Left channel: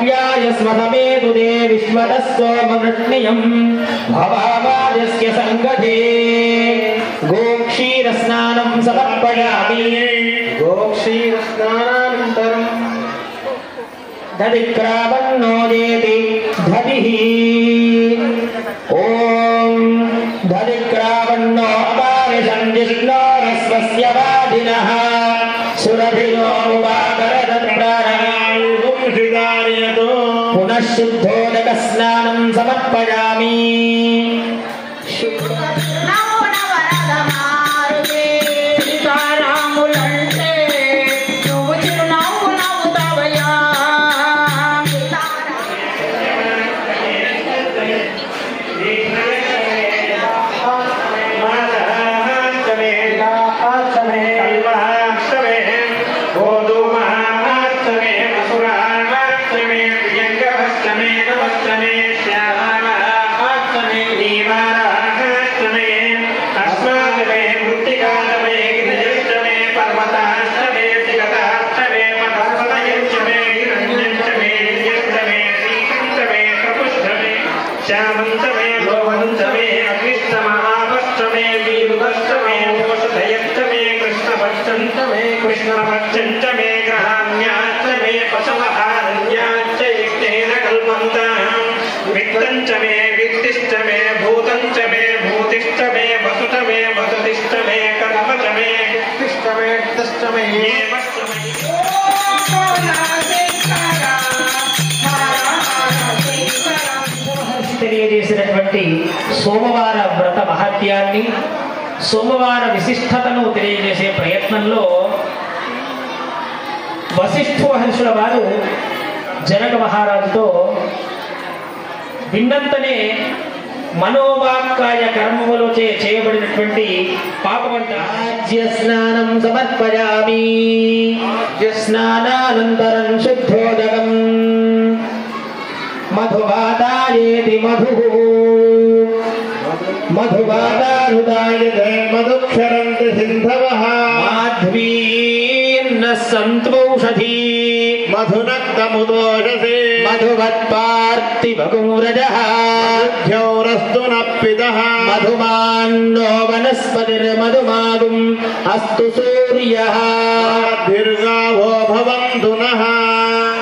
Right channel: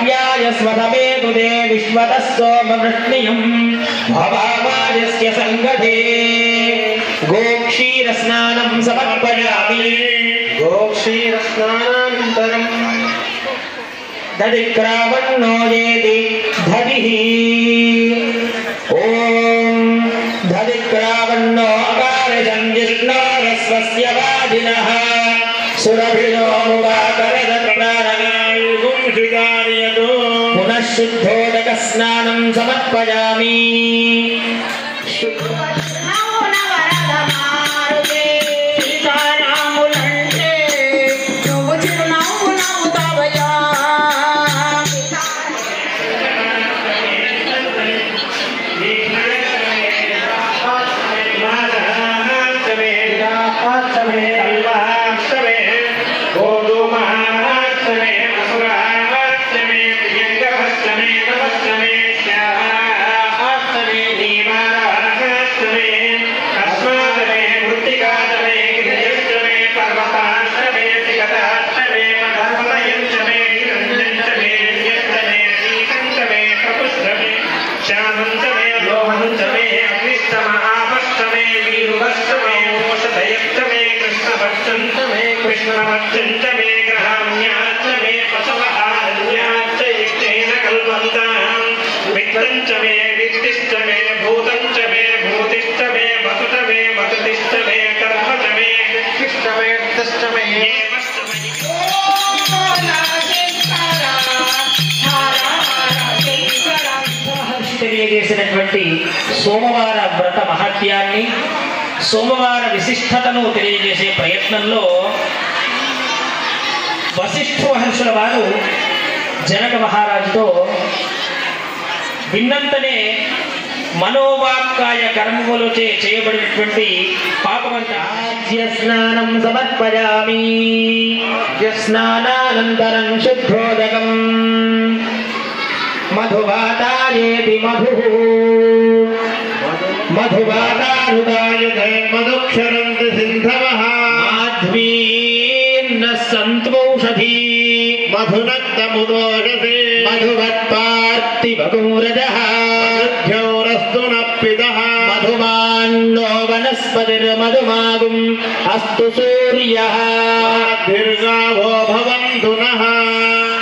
आप्याय स्वधमेदुदे विश्वतस्तोमवृष्णियम् भवावाजस्य सङ्गते गोक्षीरस्नानं समर्पयामि गोक्षीरस्नानानन्तरं दधिक्रावन्नो येति दधिः ॐ दधिक्रावन्नो अपारिशं जिष्णोरस्वस्य वादिनः सुरभिरो पुनः शुद्धोदकस्नानं समर्पयामि తెలియజేసినటువంటి సోమవార వ్రత మహత్యాన్ని సోమవార విశిష్టతను తెలియజేసే ప్రయత్నంలో వశిష్ఠ మహర్షుల వారు జనక మహారాజుతో విన్నంతనే మనోవాక్కాయ కర్మములచే చేయబడినటువంటి పాపమంటే స్నానం సమర్పయామి స్నానానంతరం శుద్ధోదకం మధువాతాయేతి మధుః మధువాతానుదాయతే మధుక్షరంతి సింధవః మాధ్వీర్న సంతోషధీ మధునక్తముదోషసే మధువత్పార్తివగురజః మధుభ్యౌరస్తు నప్పిదః మధుమాన్నో వనస్పతిర్మధుమాగుం అస్తు సూర్యః దీర్ఘావో భవంతు నః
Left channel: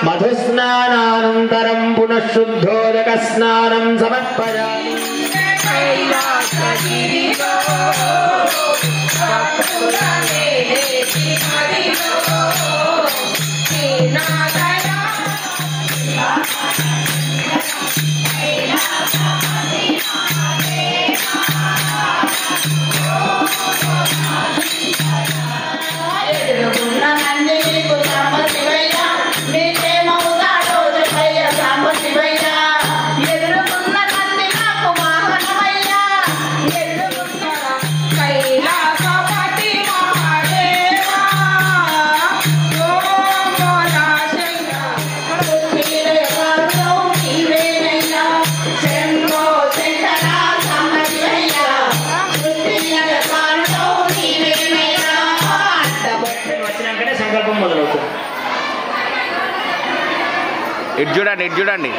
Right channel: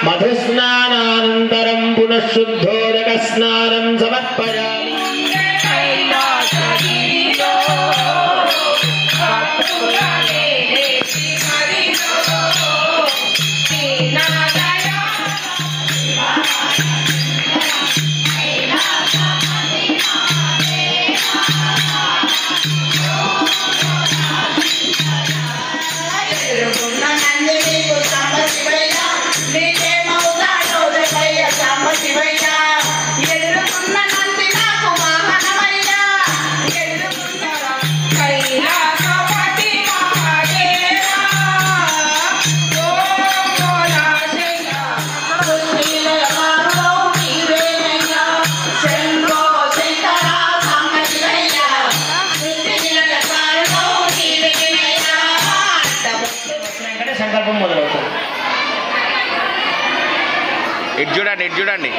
మధుస్నానానంతరం పునః శుద్ధోదక స్నానం సమర్పయామి చూడండి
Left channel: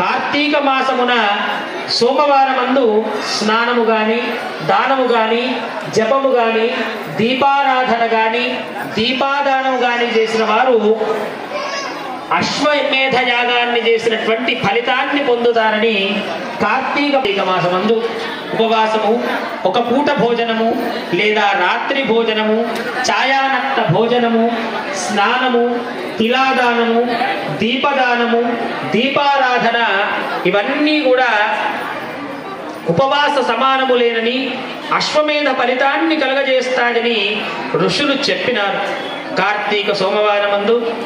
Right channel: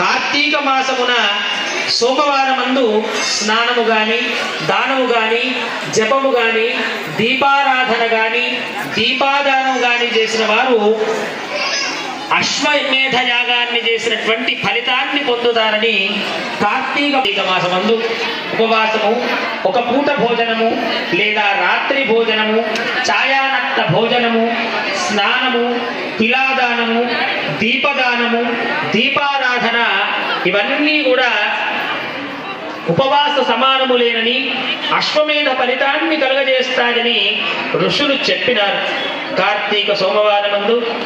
కార్తీక మాసమున సోమవారమందు స్నానము గాని దానము గాని జపము గాని దీపారాధన గాని దీపాదానం గాని చేసిన వారు అశ్వమేధ యాగాన్ని చేసినటువంటి ఫలితాన్ని పొందుతారని కార్తీక మాసమందు ఉపవాసము ఒక పూట భోజనము లేదా రాత్రి భోజనము ఛాయానక్త భోజనము స్నానము తిలాదానము దీపదానము దీపారాధన ఇవన్నీ కూడా ఉపవాస సమానము లేనని అశ్వమేధ ఫలితాన్ని కలుగజేస్తాడని ఋషులు చెప్పినారు. కార్తీక సోమవారమందు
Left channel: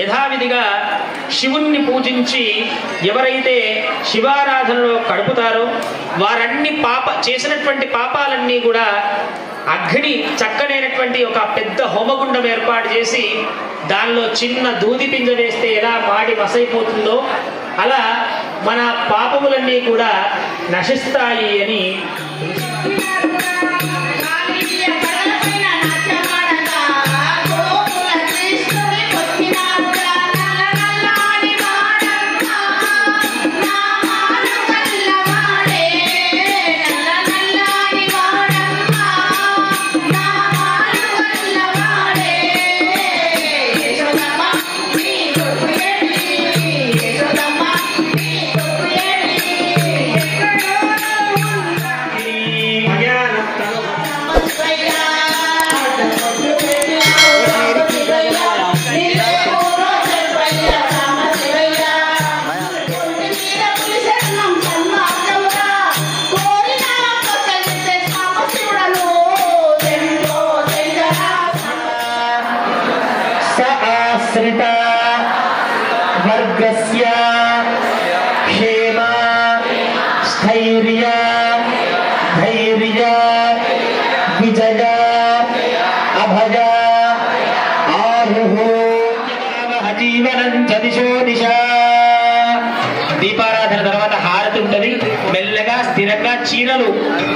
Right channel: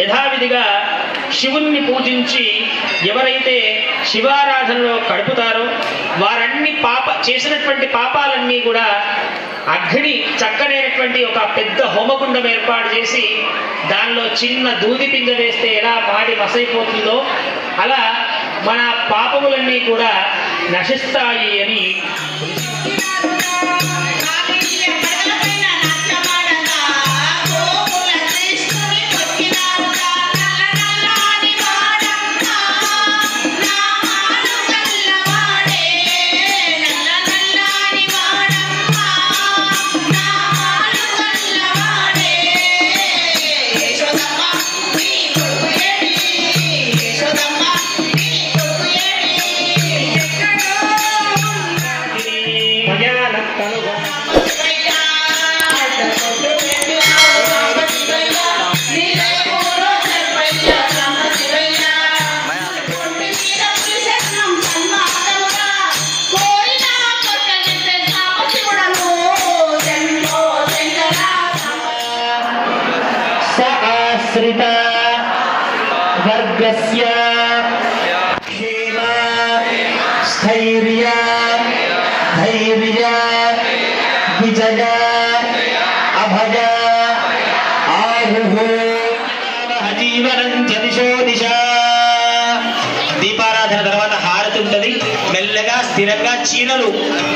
యథావిధిగా శివుణ్ణి పూజించి ఎవరైతే శివారాధనలో గడుపుతారో వారన్ని చేసినటువంటి పాపాలన్నీ కూడా అగ్ని చక్కనైనటువంటి ఒక పెద్ద హోమగుండం ఏర్పాటు చేసి దానిలో చిన్న దూది పింజ వేస్తే ఎలా మాడి మసైపోతుందో అలా మన పాపములన్నీ కూడా నశిస్తాయి అని वर्गस्य क्षेम स्थैर्य धैर्य विजय अभय आरुः जीवनं च दिशो दिशा దీపారాధన తర్వాత హారతి ఉంటది మెల్లగా స్థిరంగా చీరలు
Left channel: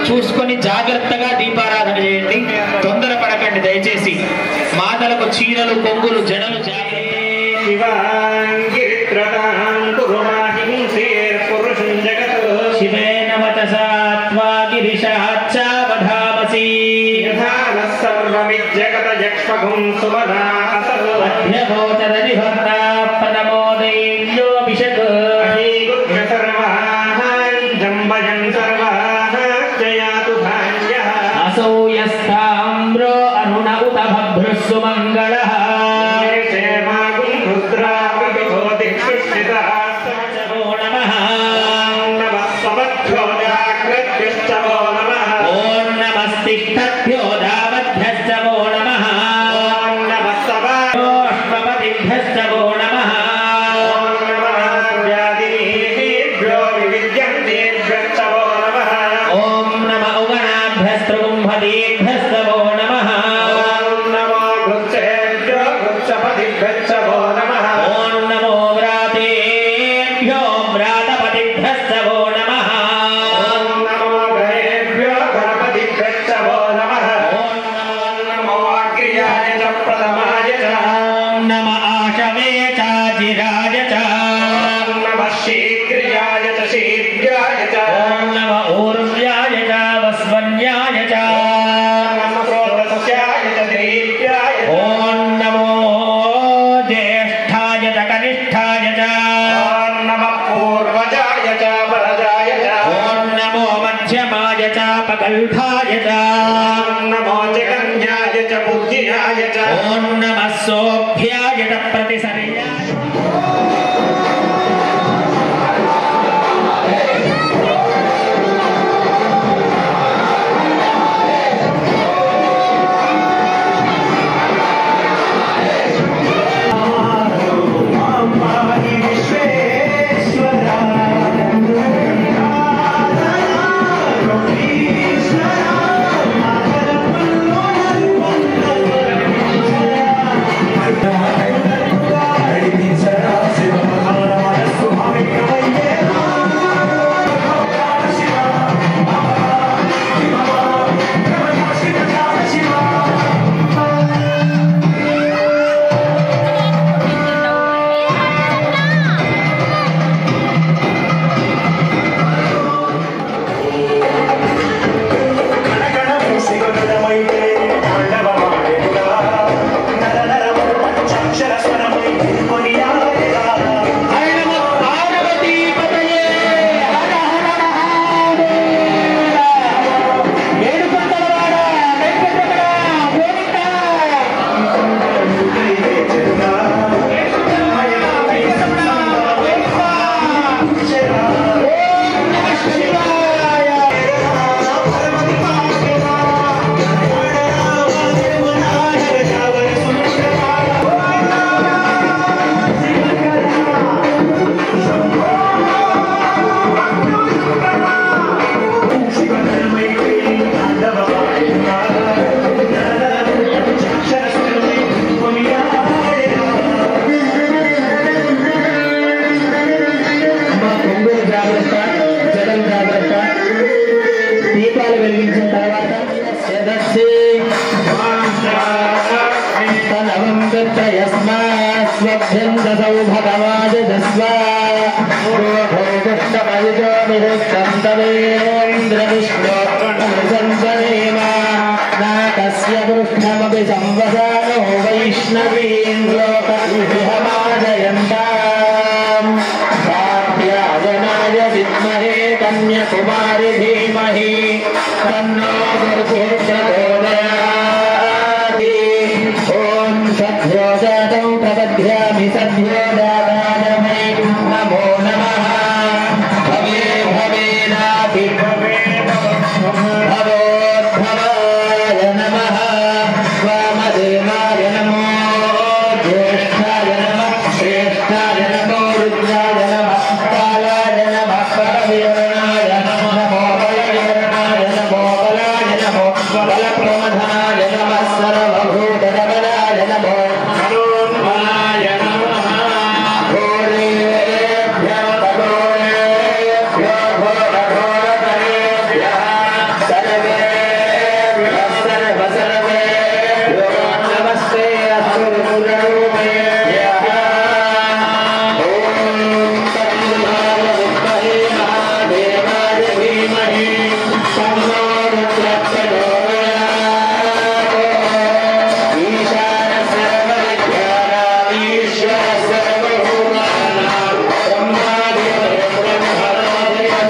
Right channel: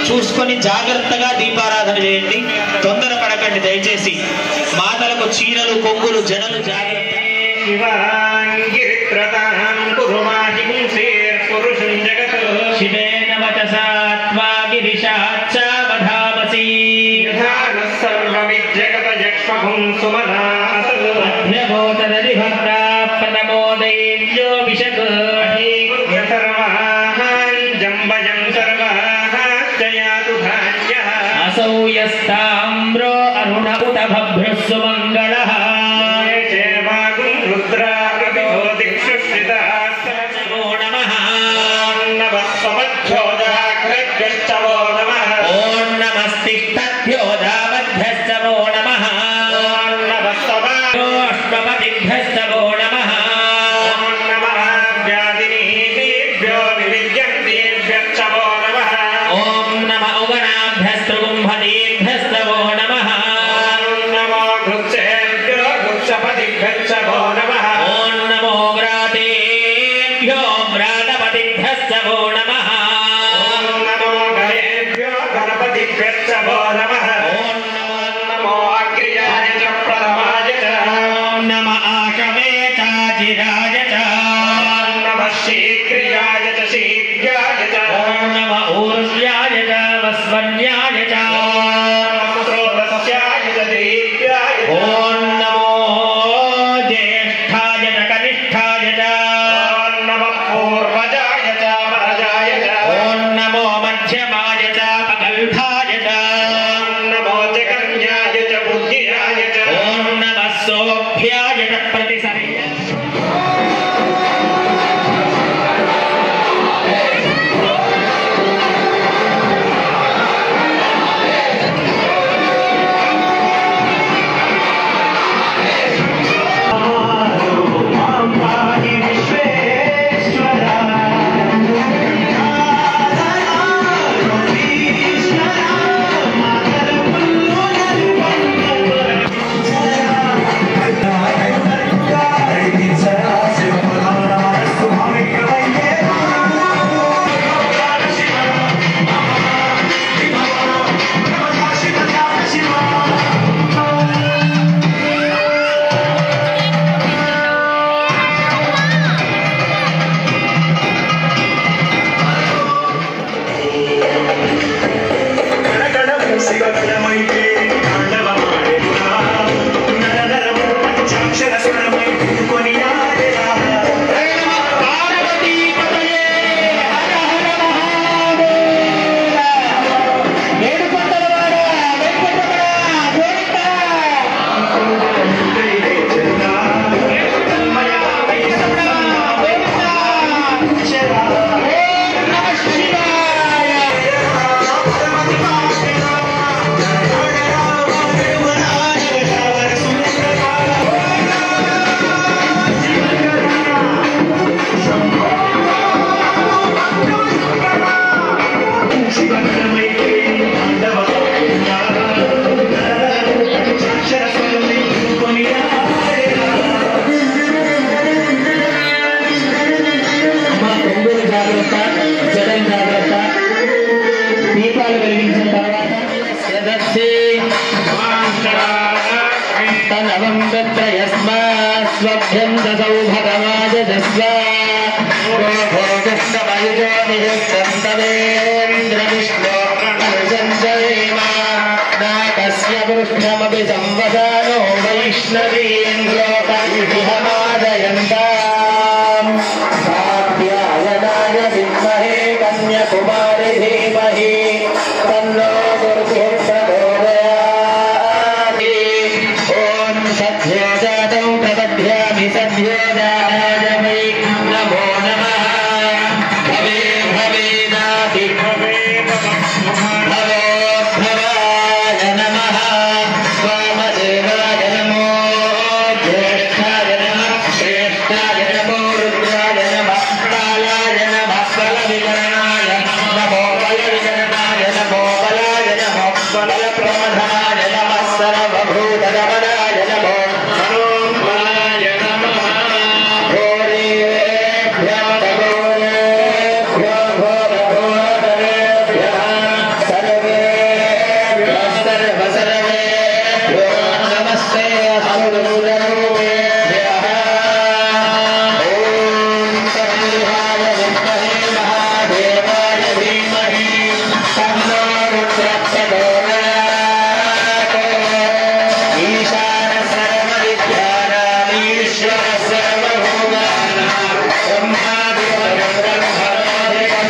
చూసుకొని జాగ్రత్తగా దీపారాధన చేయండి తొందర పడకండి దయచేసి మాతలకు చీరలు కొంగులు జడలు कृष्णमपि संवसानो वैष्णवीं लोकविहमादयन्ताम् कात्यायनाय विद्महे कन्याकुमारी धीमहि तन्नो प्रचोदयात्। ॐ सद्यो जातं प्रपद्यामि सद्यो जाताय वै नमो नमः। भवे भवेनापि भवोद्भवाय नमः। वामदेवाय नमो ज्येष्ठाय नमः श्रेष्ठाय नमो रुद्राय नमः कालाय नमः बलविवरणाय नमो बलविवरणाय नमो बलाय नमो बलप्रमथनाय नमः सर्वभूतगमनाय नमो मनोन्मनाय नमः। घोरेभ्यः घोरेभ्यो घोरघोरतरेभ्यः सर्वेभ्यः सर्वसर्वेभ्यो नमस्ते असुरगुणरूपेभ्यः। ॐ तन्नाय विद्महे महादेवाय धीमहि तन्नो रुद्रप्रचोदयात्। ईशान सर्वविद्यानाम् ईश्वर सर्वभूतानां ब्रह्मादिको ब्रह्मणादिको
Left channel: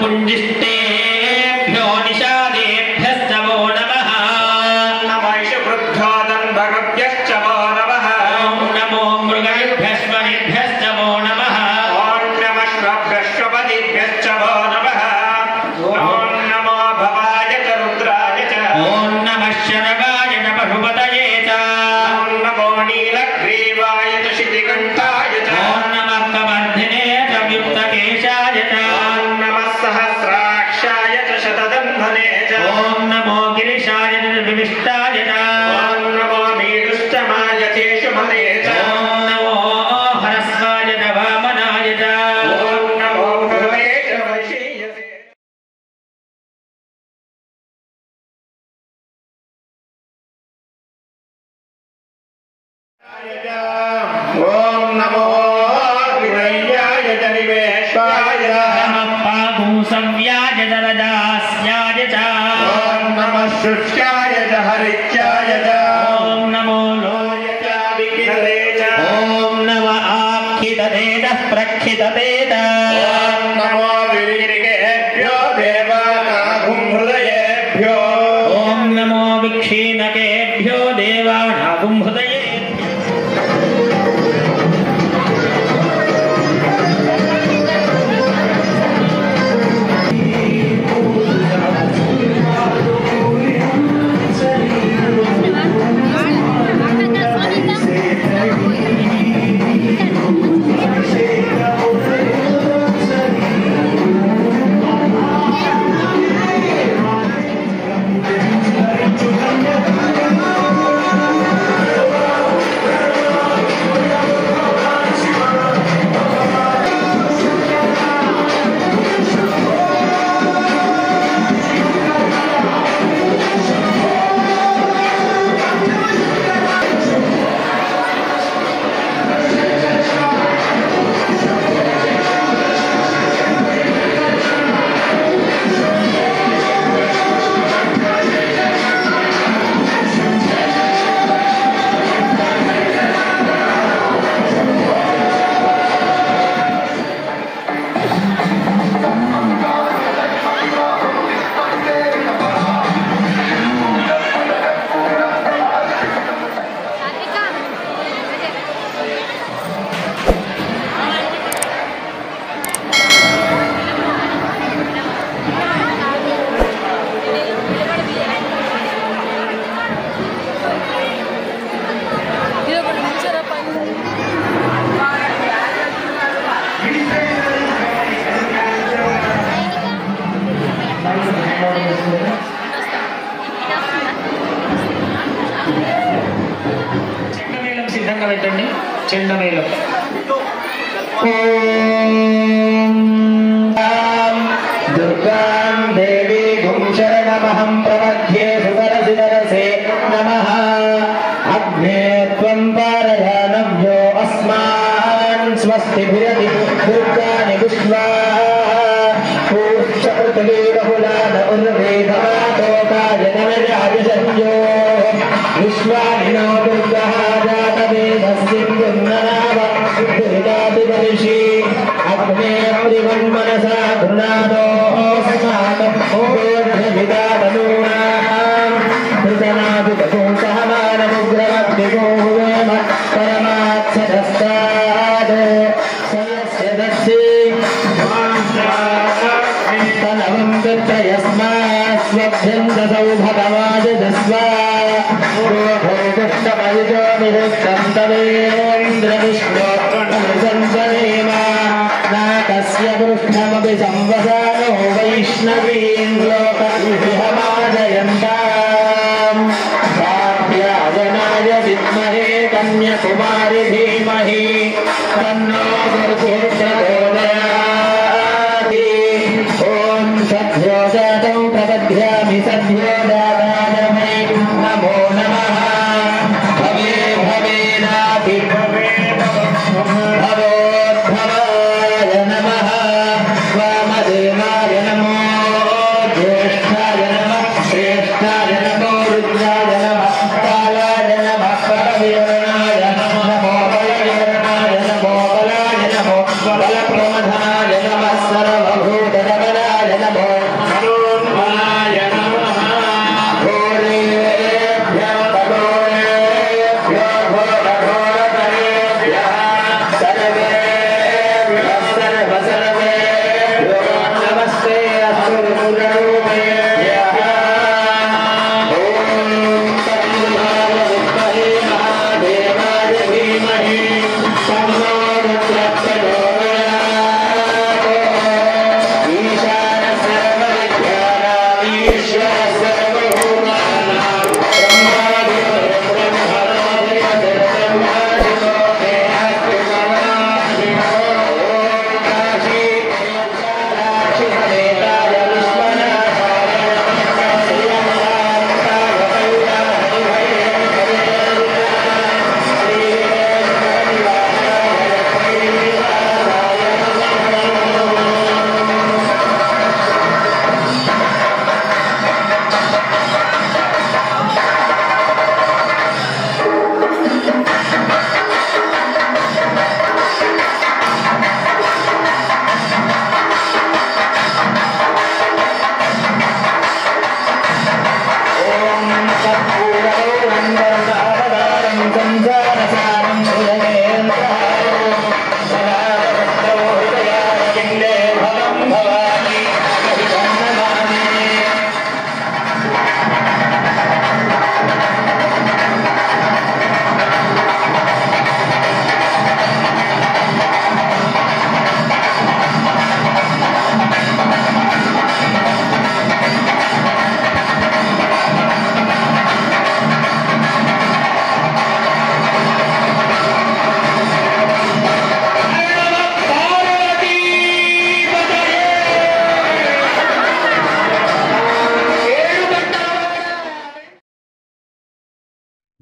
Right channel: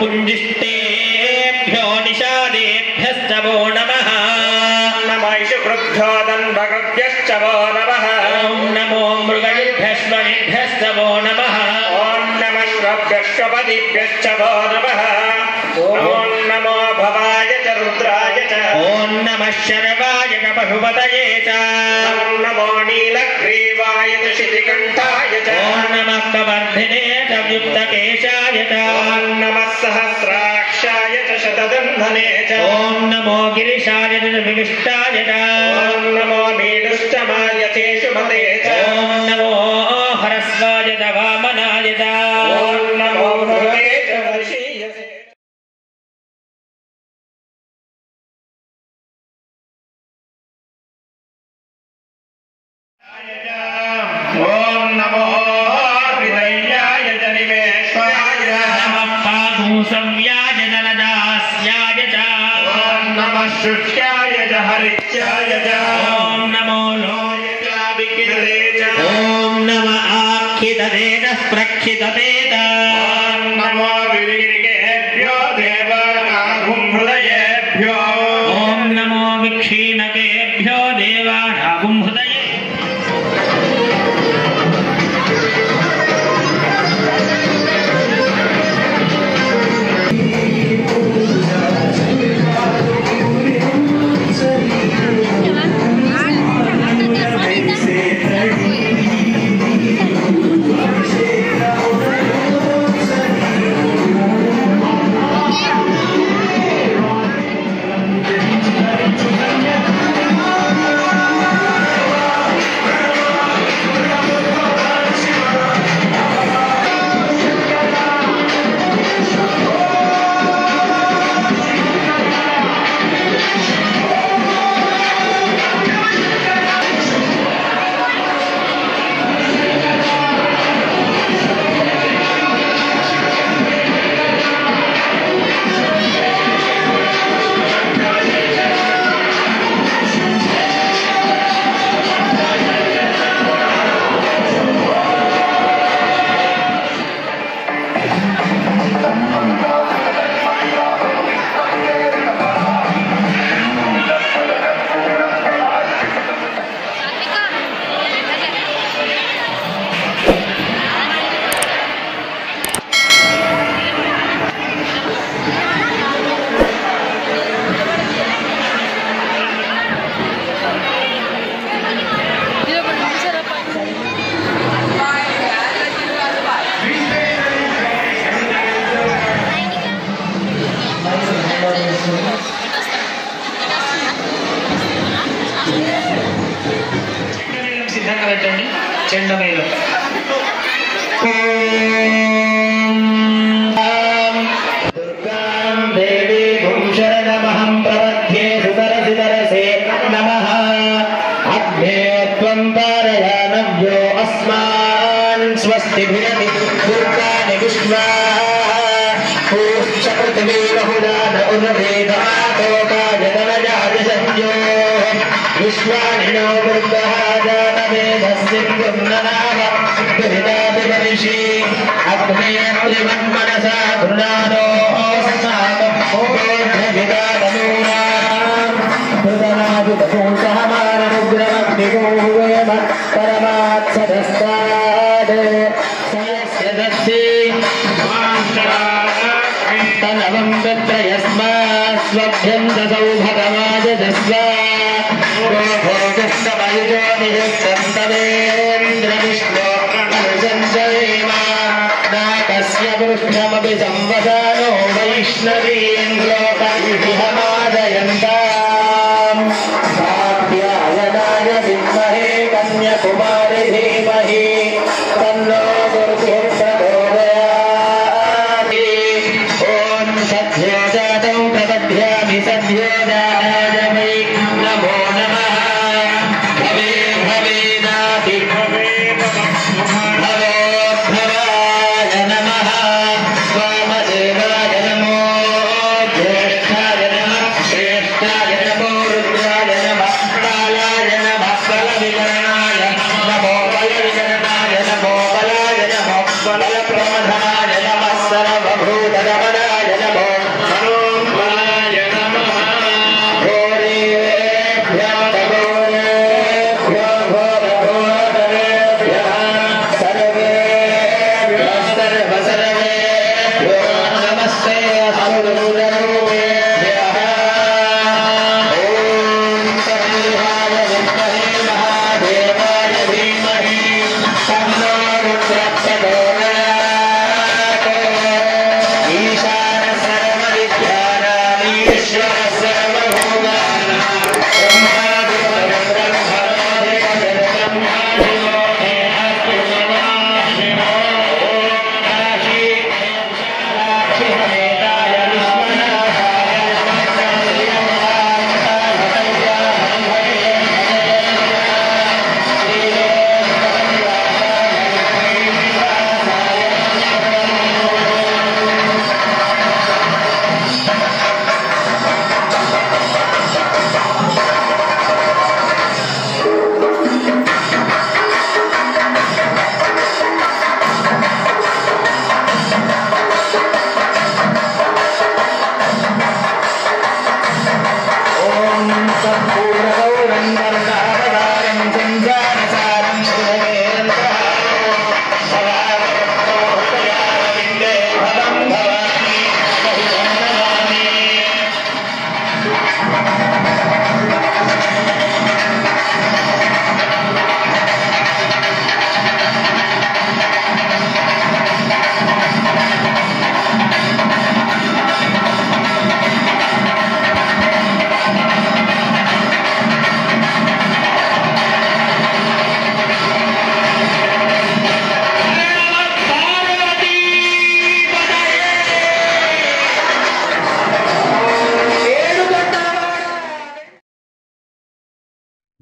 कुंजिष्टेभ्यो निषादेभ्यश्च वो नमः। नमो ईशुवृद्धोदन्भगभ्यश्च वो नमः। ॐ नमो मृगेभ्यश्वनिभ्यश्च वो नमः। ॐ नमः श्वभ्यश्वपदिभ्यश्च वो नमः। ॐ नमो भवाय च रुद्राय च। ॐ नमः शरवाय च पशुपतये च। ॐ नमो नीलग्रीवाय च शितिकण्ठाय च। ॐ नमः कवर्धिने च युक्तकेशाय च। सहस्राक्षाय च शतदन्धने च। ॐ नमो गिरिशाय च विविष्टाय च। ॐ नमो मीडुष्टमाय च शुभते च। ॐ नमो हरस्वाय च वामनाय च। ॐ नमो भवे च वशीयसे। ॐ नमो विधय्याय च निवेशाय नमः। संव्याज दलदास्याय च। ॐ नमः शुष्काय च हरित्याय च। ॐ नमो लोयचाविकिरते च। ॐ नमः आक्षिततेजः प्रक्षिततेत। ॐ नमो विवीरिकेभ्यो देवानागुं हृदयेभ्यो। ॐ नमो विक्षीणकेभ्यो देवानागुं हृदये। दुर्गां देवीं शरणमहं प्रपद्ये सुतरसितरसे नमः अग्ने त्वं पारयानव्यो अस्मान् स्वस्ति भिरति दुर्गाणि विश्वा पूश्च पृथिवी बहुलान उर्वेदमातोकाय धनजाय संयो विश्वानि नो दुर्गः जातवेदस्सिन्धुर्ननाव दुरितादिवर्षि अग्ने त्रिवन्मनसा गुणानो समापभोग्यविदानूनाम् कृतनादुतभूषणमाननुग्रहदिगौवेम परमात्सदस्ताद् सयस्य दत्ते तनवं तत्र यस्मात् स्वभ्यन्तसौ भगवाजस्वा भोगस्तमयुजो नियुक्तं तवेन्द्रविष्णो अनुसञ्जयेम नाकस्य पुरुषमपि संवसानो वैष्णवीं लोकविहमादयन्ताम् कात्यायनाय विद्महे कन्याकुमारि धीमहि तन्नो दुर्भिर्प्रचोदयात् ॐ सद्यो जातं प्रपद्यामि सद्यो जाताय वै नमो नमः भवे भवेनाति भवोद्भवाय नमः वामदेवाय नमो ज्येष्ठाय नमः श्रेष्ठाय नमो रुद्राय नमः कालाय नमः बलविवरणाय नमो बलविवरणाय नमो बलाय नमो बलप्रमथनाय नमः सर्वभूतरमणाय नमो मनोन्मनाय नमः घोरेभ्यः भगोरेभ्यो घोरघोरतरेभ्यः सर्वेभ्यः सर्वसर्वेभ्यो नमस्ते अस्मद्गुरुरूपेभ्यः ॐ तन्नाय विद्महे महादेवाय धीमहि तन्नो रुद्रप्रचोदयात् ईशानः सर्वविद्यानाम् ईश्वरः सर्वभूतानां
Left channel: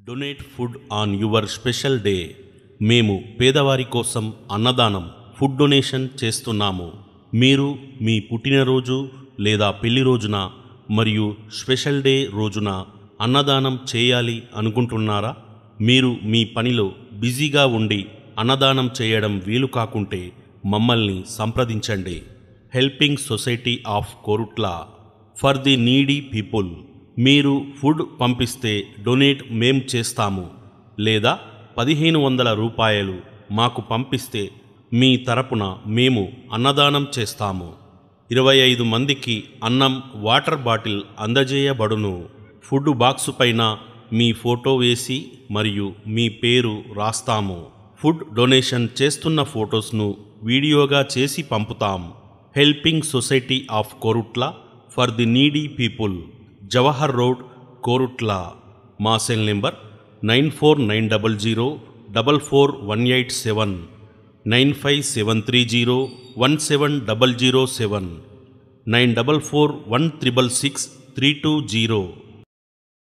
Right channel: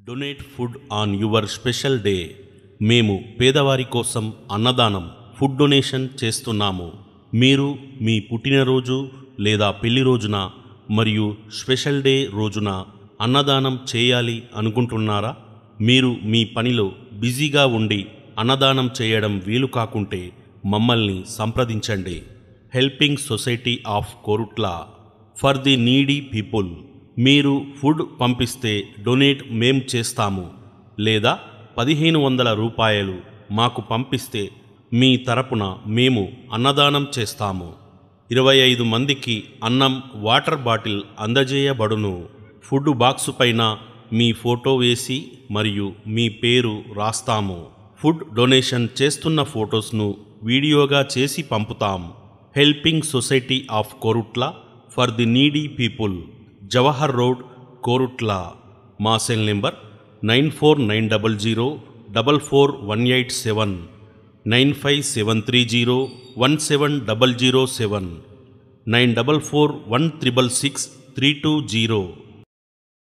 donate food on your special day. మేము పేదవారి కోసం అన్నదానం ఫుడ్ డొనేషన్ చేస్తున్నాము. మీరు మీ పుట్టినరోజు లేదా పెళ్లి రోజున మరియు స్పెషల్ డే రోజున అన్నదానం చేయాలి అనుకుంటున్నారా? మీరు మీ పనిలో బిజీగా ఉండి అన్నదానం చేయడం వీలు కాకుంటే మమ్మల్ని సంప్రదించండి. Helping society of Korutla for the needy people. మీరు ఫుడ్ పంపిస్తే డొనేట్ మేం చేస్తాము, లేదా 1500 రూపాయలు మాకు పంపిస్తే మీ తరపున మేము అన్నదానం చేస్తాము. 25 మందికి అన్నం, వాటర్ బాటిల్ అందజేయబడును. ఫుడ్ బాక్సు పైన మీ ఫోటో వేసి మరియు మీ పేరు రాస్తాము. ఫుడ్ డొనేషన్ చేస్తున్న ఫొటోస్ను వీడియోగా చేసి పంపుతాం. Helping society of Korutla for the needy people, Jawahar road, Korutla. మా సెల్ నెంబర్ 9490044187, 9573017007 9441666320